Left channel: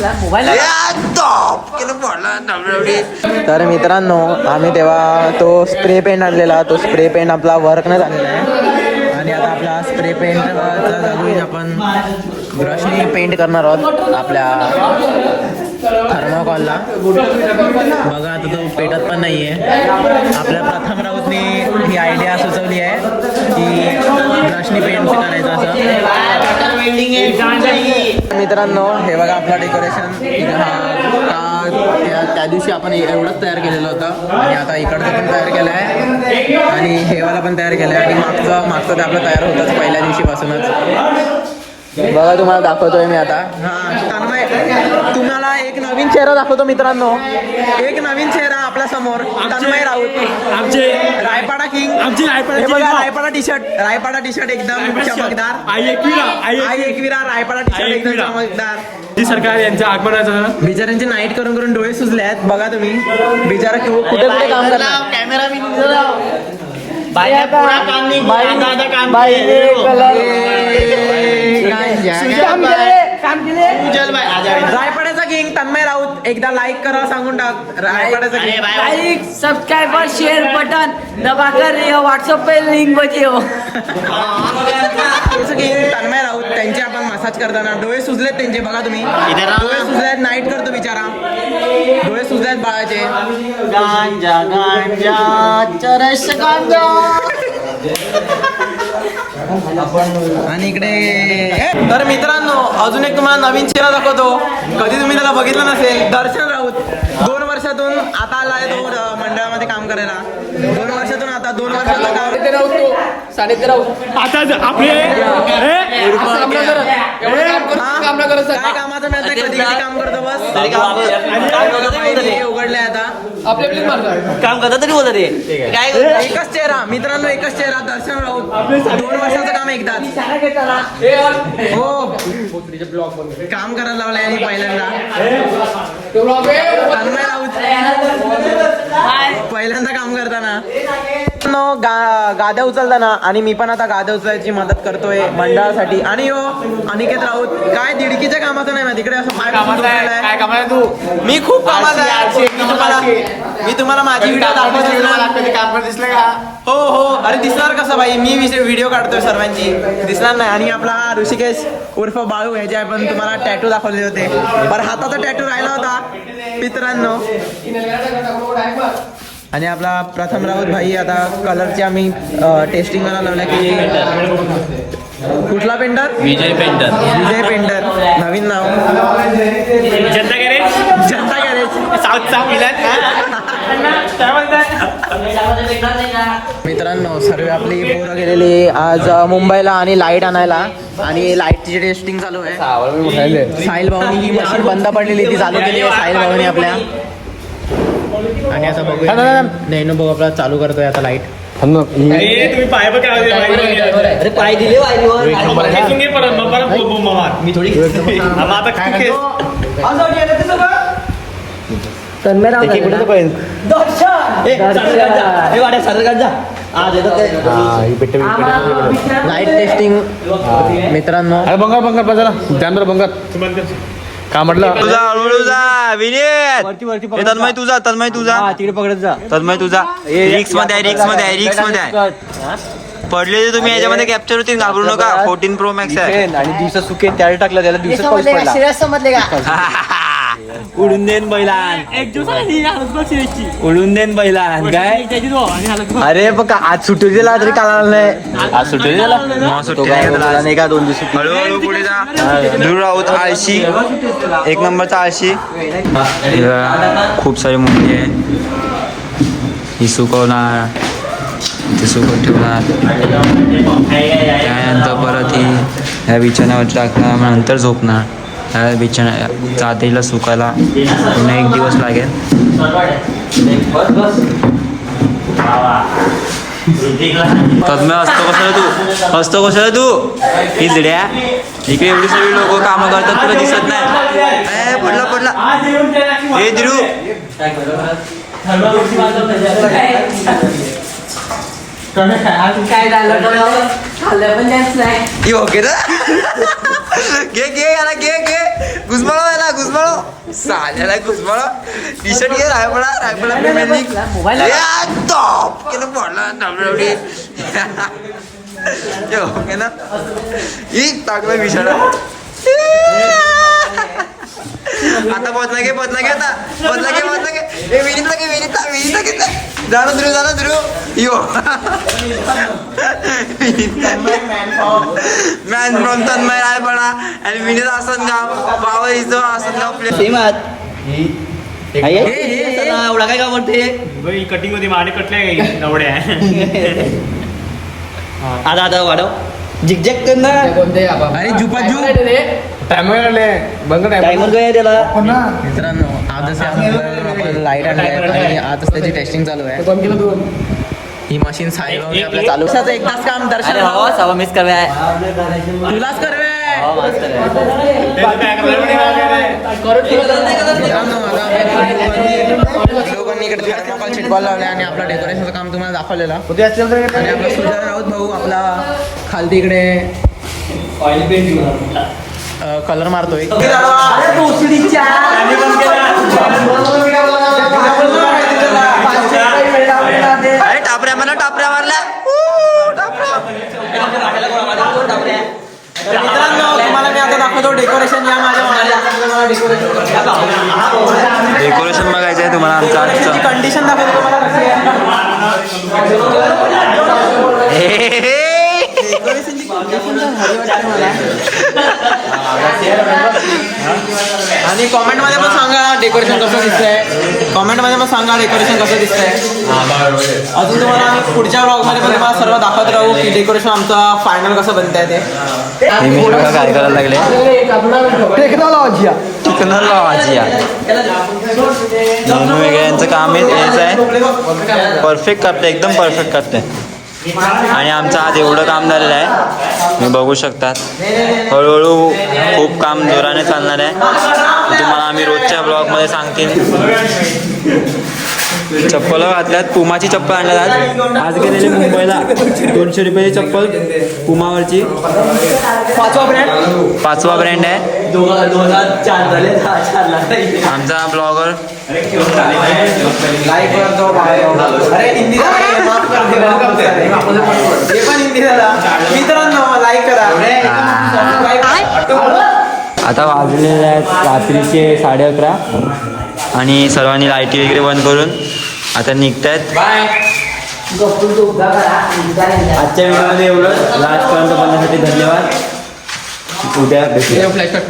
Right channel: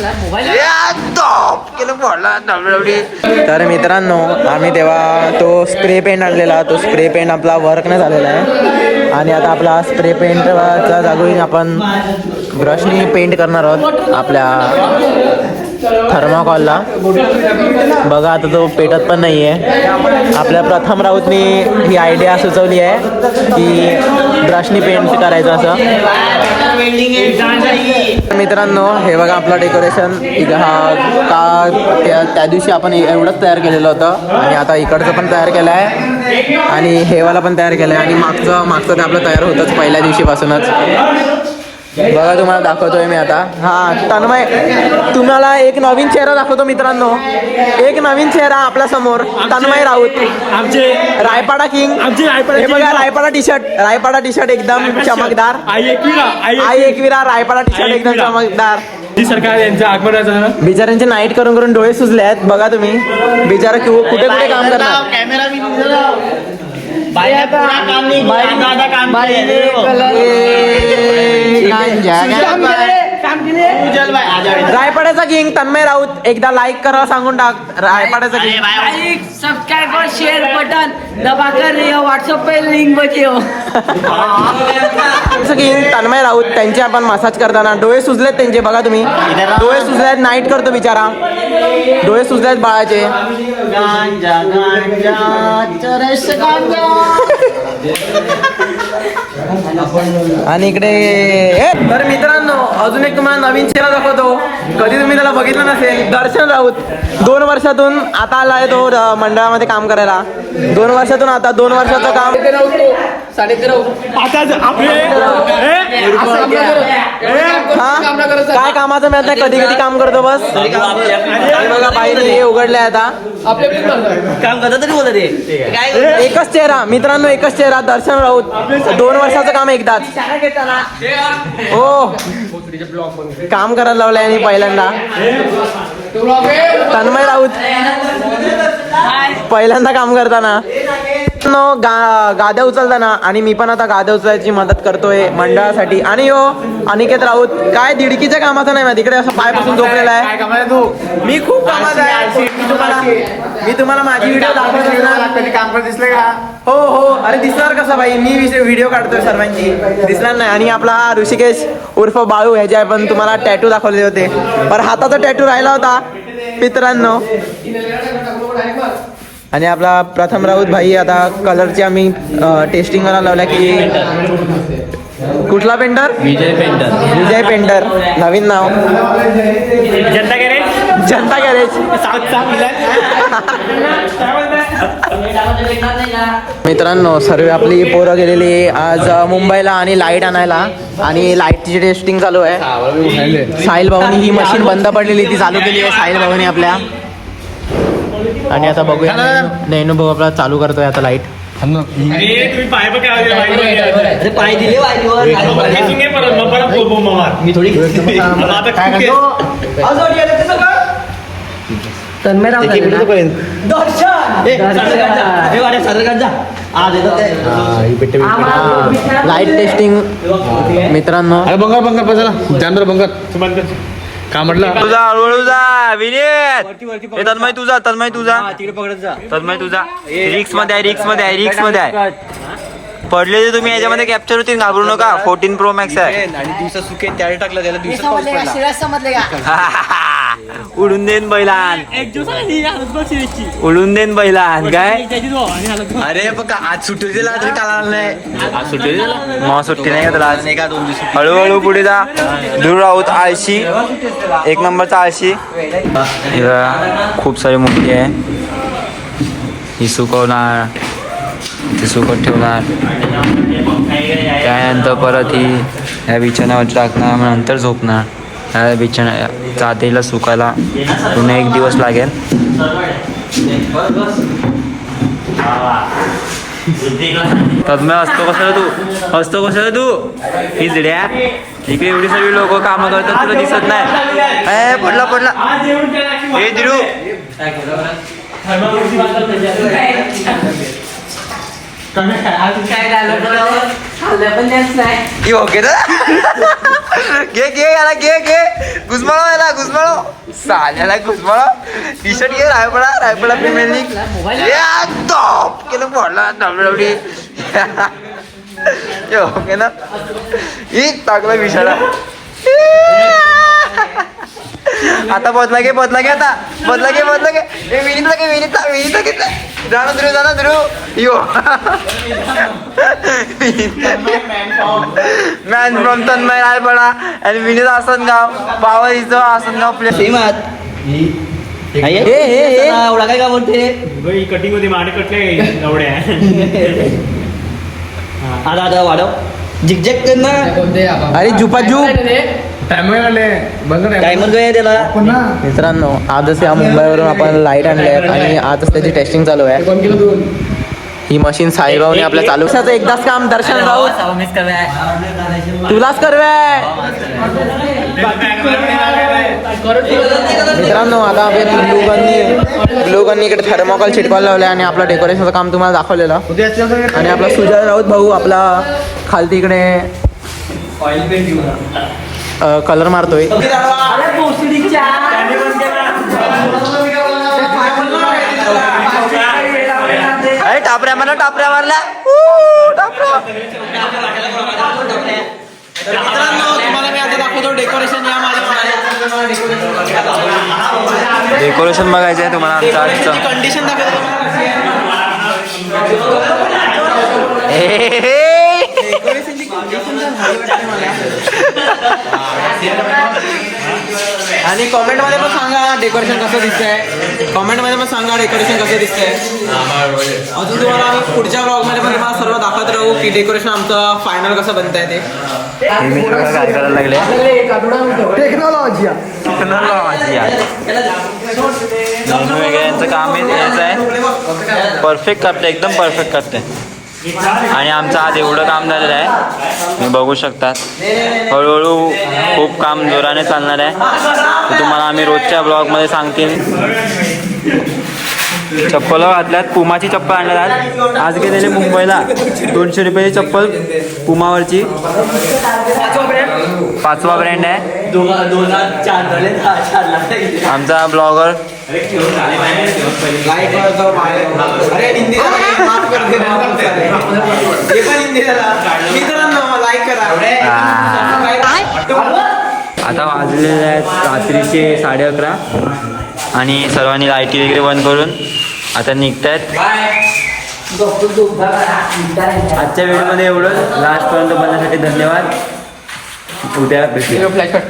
तर मित्रांनो आम्ही तेव्हा तो स्प्रे पेंट आणलेला, तो स्प्रे पेंट आपला वर्क न झालेला आहे आणि आता आपला स्प्रे पेंटचा जागोईन आपण ब्रशनी पेंट करणार आहोत आपल्या थर्माकॉलला. बघा आता तो पेटत पण नाही आहे. आपल्या प्रथम राऊतनी ही आयडिया सुचवली आहे की ब्रशनी पेंट करायचं असं. मित्रांनो हे बघा आपलं डेकोरेशन. त्या दिवशी आपण एवढंच तयार केलेलं होतं आणि आता इकडचं पण तयार केलं आहे आणि हेवाला पण तयार केलं आहे आणि मागचं ते आपलं तयार होतंच पहिल्या दिवशीपासूनच. तुम्हाला दाखवतोय मी आता. हा तन्मय, तुम्हाला एक नवीन चेहरा दाखवतो मित्रांनो. एक नवीन चेहरा आपल्या समोर, तन्मय राऊत, आमचे रायपाडा किंग. हे बघा रायपाडा टी शर्ट एकदम चमकदार. आई एकविरा रायपाडा टी शर्ट एकदम चमकदार. सरकार यांचं आगमन झालं. बिचाऱ्यांचे नाईट करून करून डोळे सुजले आहेत. बघा तुम्ही बिचारा कुठे कॅमेरा रायपाड्याचा किंग तन्मय राऊत. एकदा लाईक करा सांगून टाक. रायपाड्याचा लाइक सब्सक्राइब और शेयर बटन दबाकर व्हाट्सएप पे लिंक बचे हो. किंग तन्मय राऊत त्यांचे आपण मसाज करताना डोळे सुजलेत त्यांचे. बघा तुम्ही डोळे सुजलेत. नाईट करतो बिचारा, डोळे सुजलेत बाळाचे. आणि इकडे तर मित्रांनो अजून एक तुम्हाला नवीन चेहरा दाखवतो. कधी तुम्ही त्याला बघितलं नसेल. दर्शन राऊत 2 वर्षातून आता आलाय तो मंडळामध्ये काम करायला. 2 वर्षातून आता 2 वर्षाचं काम. काय कामाचं मिळत नाही. कधी कधी काम करतो बस. बघा बाईने उघडलंय आता काम करतो तरी बोलत. एकच चेहरा मित्रांनो, एकच चेहरा दर्शन राऊत. 2 वर्षाचं काम एकदाच. हो काम करायला लावलंय आणि पहिल्यांदा तन्मय राऊत पहिल्यांदा काम करताना गाद्या उचलताना. आणि मी पण आता गाद्या उचलायची मदत करतोय मंडळासाठी. आणि अनिकेत राऊत काय दिडकीच्या कामाचं नाही. तिकडे असं पाय पासून झोपलेला आहे. मी खूप कामाचा आहे. मी तुम्हाला माझी व्हिडिओ दाखवत असणार. काम करत दिसले का? हो हो. अरे दिसणार कसं भाई, मी व्हिडिओ काढतोय सर्वांची. दिसणार नाही. आणि आपला ऋषिकेश उर्फ बाळू ह्याचे आपण तुम्हाला टॅटू दाखवले होते. तर हाताचा टॅटू राहिला होता मित्रांनो. आणि आपला प्रथम राऊत भाई आता कलरची आम्ही टेस्टिंग करायला लावल्या की कुठला पेंटर? विजय पेंटर. विजय पेंटर नवीन नाव. जनता गॅरेज मित्रांनो सर्व आपली पोरं गेलेली आज मुंबईला आणि लाईट आणायला. आणि लाईटची टेस्टिंग चालू आहे. साहिल भाऊनी ही मशीन बंद पडलेली ती चालू केली आहे साहिल भाऊनी आपल्या. आणि आता बघूया नैनू भाऊ आपला चालू करतोय आता लाईट. लाईट टेस्टिंग मित्रांनो. बंगार बसला कॅमेरा बंगार का म्हटलं तुझा हळूहळू जा विनीत. तन्मय तुझा रिक्स मध्ये आहे. पडलेले तुम्ही याच्यामध्ये कॅप्चर होतील, घाबरू नका. 14 Pro Max आहे. आणि दिवस सुके त्याला टाकलं त्याला दिवस समजले का? उडून देन बैलान, उडून देन बैलान. काय अरे बघ आज सुट्टी दिला तरी काला नाही. आज सुट्टी मग सुट्टी नाही का त्याला आज? का 2 दिवस हळूहळू पुढे जा. दूर राहूत आळशी, 1 नंबरचा आळशी. खूप सारी मोठी आहे. ही सुकवणार, ती सुकत ठेवणार. त्यानंतर परत ही ह्या बिछाण्यावर टाकणार, मग नंतर झोपणार. ह्या बिछाण्या चादरीला सुकायला पुन्हा 1 दिवस लागेल. तन्मय असतो कशाला तू ही जिड्या. इकडे एवढी सगळी लोक कामं करतात, तुला दिसत नाही. पडला हे दिरू. काय झालं खाल्लं पण त्याच नाही. की ओके ना घे याला घे घुसमळो याला घुसमळो साल्याला घुसमळो टी शर्ट घे रायपडा प्रीमियर लीग टॉप केलं पडला डब्ल्यूडब्ल्यूई ओके ना ही टाकला विषाला आता पोचला घे आता पोचला घे विनीतला घेतला जाणं ध्रुव यो मॅन फ्रॉम तन्मय रायपडा आणि Vineet Asangaon power is Asangaon play एवढा काय का बोलते कटिंग मध्ये माने कटले एवढ्या आता वाढव झिकझॅक कर ना. अरे जुपाजू मित्रांनो आजच या मुंबईवरून आपण लाईट आणल्या आहेत आणि आजच त्याची टेस्टिंग चालू आहे. ही मशीन साईबाबने आपल्या चालू वर्षाचं एकदाच काम दर्शन मिस कर तुलाच करवे मित्रांनो. आता आपण लोकांनी इकडे थर्मोकॉल चिटकवायला लावले आणि आपलं डेकोरेशनचं काम तुम्हाला दाखवलेलं आणि आपला सुजय राऊत भाऊ आपला खालती इकडे ऑइल पेंट कलर मारतोय. अरे भोसडीच्या अरे टापऱ्या मारल्या मित्रांनो तुम्हाला मी आता दाखवतो डेकोरेशन या माझ्या डेकोरेशन बघायचं आहे तुम्हाला आमचं आजचं कंडिशन दाखवतो तुम्हाला कशी आहे. डेकोरेशनची कंडिशन तर भारी वाटते मला. आणि कॉमेंटमध्ये पण सांगा डेकोरेशन कसं दिसतंय. कॉमेंटमध्ये पण सांगा डेकोरेशन कसं दिसतंय. अजून तुम्हाला आम्ही पुढच्या ब्लॉगमध्ये पण तुम्हाला सर्व दाखवत राहू की डेकोरेशन आमचं फायनल कसं बनतंय ते. काय करायला लागले टेक्नॉलॉजी वगैरेचं काम हेच आहे. परफेक्ट करते एकदम परफेक्ट करते आणि आमचं आज एवढं काम झालेलं आहे तुम्ही बघू शकतात. हळूहळू खूप काम जोराने चालणार आहे ते तुम्हाला आम्ही रोजच्या ब्लॉगमध्ये सांगतील. चप्पल घातल्यात पुमाची चप्पल आणल्यात आज गेलेले मुंबईला 200 रुपयाची चप्पल पुमावरची 5वा ब्रँड आहे. 2004 झाले 4 आमचा ब्लॉगर लाईक करतो अरे हिंदी मित्रांनो लाईक करा. आता वाजलेले आहेत रात्रीचे 11:30 आणि सर्वांनी लाईटी वगैरे बंद करून आता निघतायत. आजच्या व्हिडिओमध्ये एवढं लास्टपर्यंत बनण्यासाठी धन्यवाद. उद्या भेटूया.